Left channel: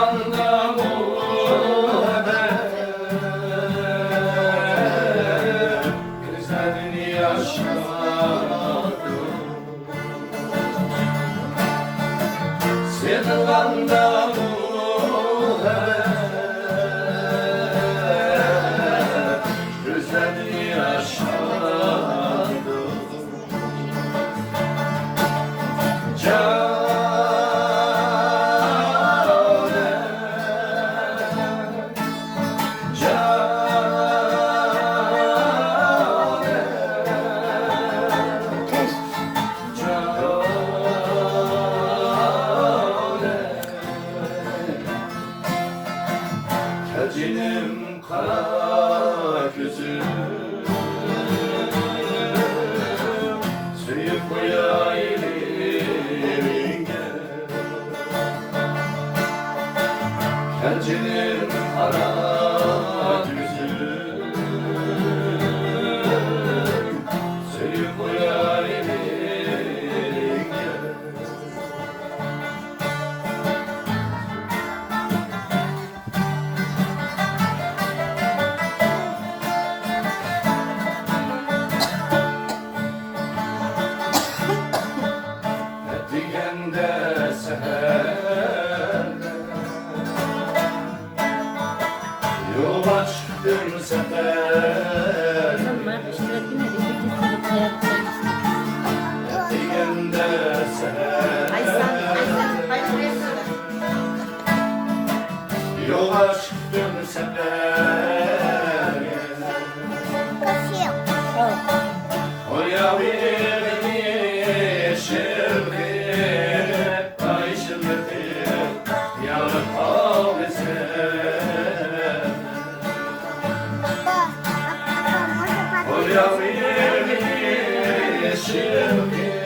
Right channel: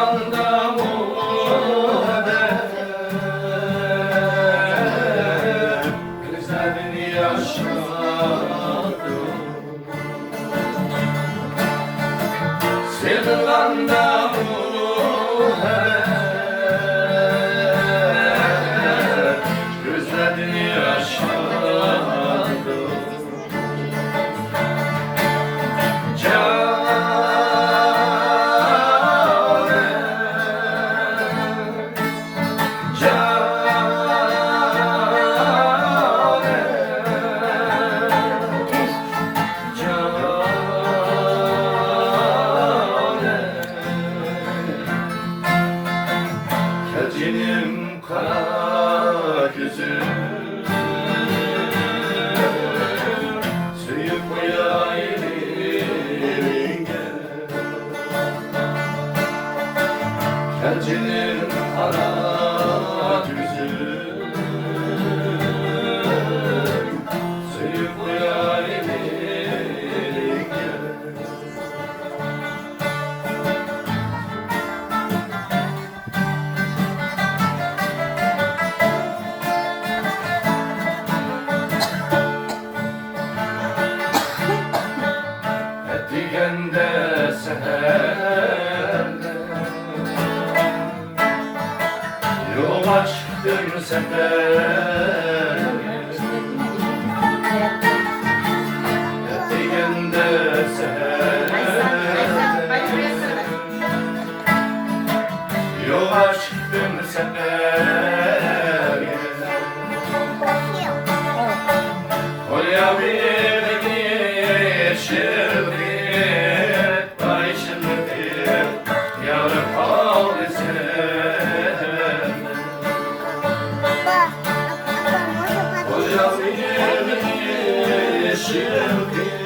Sevdanda gözlerini yaşardım. Sevdanda gözlerini yaşardım. Tercinim kara gözüm, suyu koyayım eline. Tercinim kara gözüm, suyu koyayım eline. Digende seherde yola çıktım sefer. Digende seherde yola çıktım sefer. Kolya bir yeşildi, Olha o yeşil